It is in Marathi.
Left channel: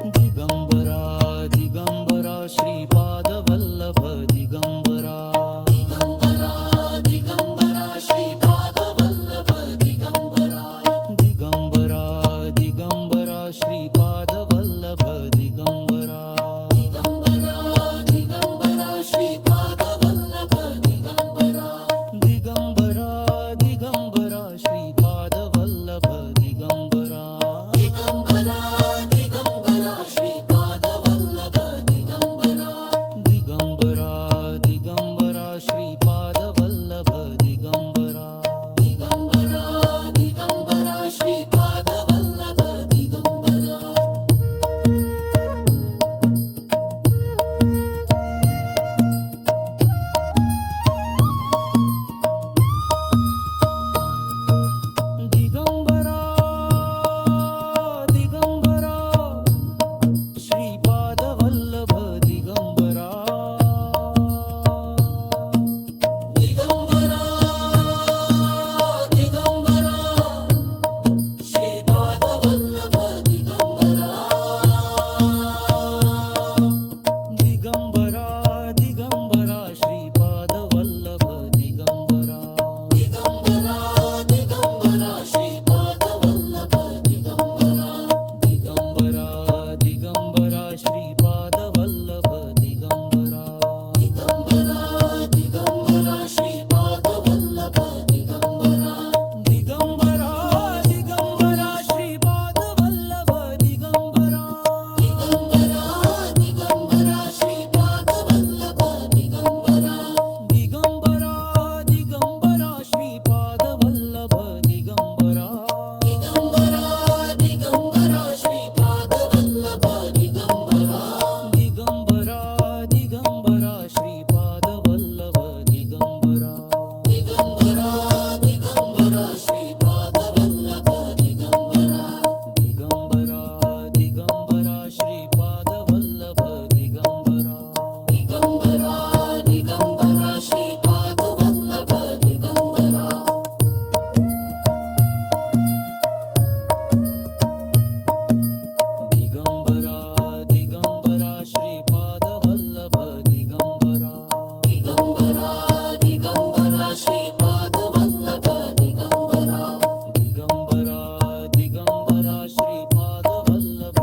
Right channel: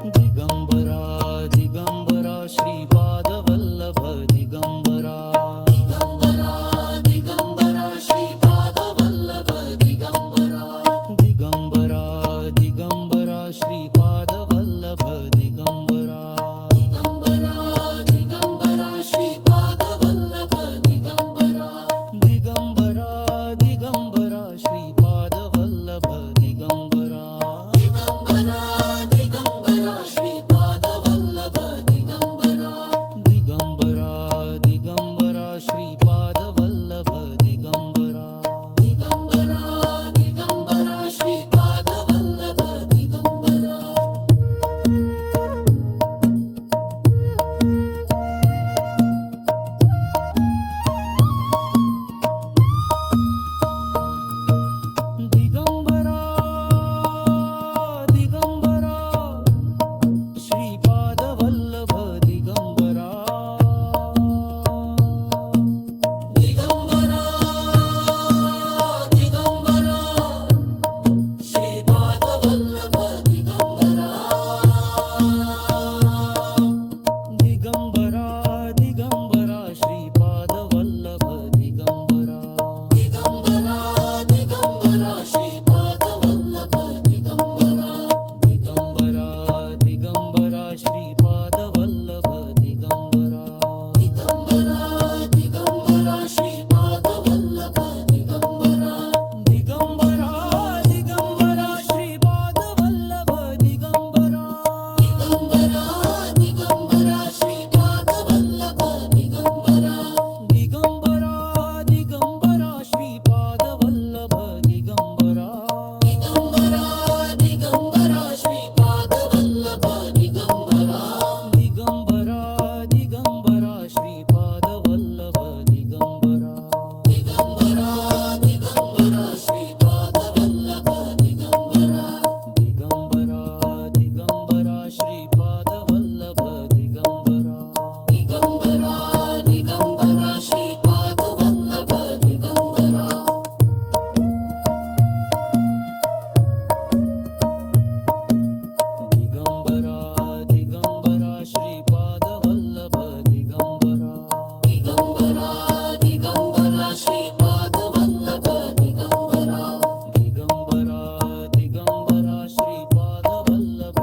दिगंबरा दिगंबरा श्रीपादवल्लभ दिगंबरा दिगंबरा दिगंबरा श्रीपाद वल्लभ दिगंबरा दिगंबरा दिगंबरा श्रीपादवल्लभ दिगंबरा दिगंबरा दिगंबरा श्रीपाद वल्लभ दिगंबरा दिगंबरा दिगंबरा श्रीपादवल्लभ दिगंबरा दिगंबरा दिगंबरा श्रीपाद वल्लभ दिगंबरा दिगंबरा दिगंबरा श्रीपादवल्लभ दिगंबरा दिगंबरा दिगंबरा श्रीपाद वल्लभ दिगंबरा दिगंबरा दिगंबरा श्रीपादवल्लभ दिगंबरा दिगंबरा दिगंबरा श्रीपाद वल्लभ दिगंबरा दिगंबरा दिगंबरा श्रीपादवल्लभ दिगंबरा दिगंबरा दिगंबरा श्रीपाद वल्लभ दिगंबरा दिगंबरा दिगंबरा श्रीपादवल्लभ दिगंबरा दिगंबरा दिगंबरा श्रीपाद वल्लभ दिगंबरा दिगंबरा दिगंबरा श्रीपादवल्लभ दिगंबरा दिगंबरा दिगंबरा श्रीपाद वल्लभ दिगंबरा दिगंबरा दिगंबरा श्रीपादवल्लभ दिगंबरा दिगंबरा श्रीपाद वल्लभ दिगंबरा दिगंबरा दिगंबरा श्रीपादवल्लभ दिगंबरा दिगंबरा दिगंबरा श्रीपाद वल्लभ दिगंबरा दिगंबरा दिगंबरा श्रीपादवल्लभ दिगंबरा दिगंबरा दिगंबरा श्रीपाद वल्लभ दिगंबरा दिगंबरा दिगंबरा श्रीपादवल्लभ दिगंबरा दिगंबरा दिगंबरा श्रीपाद वल्लभ दिगंबरा दिगंबरा दिगंबरा श्रीपादवल्लभ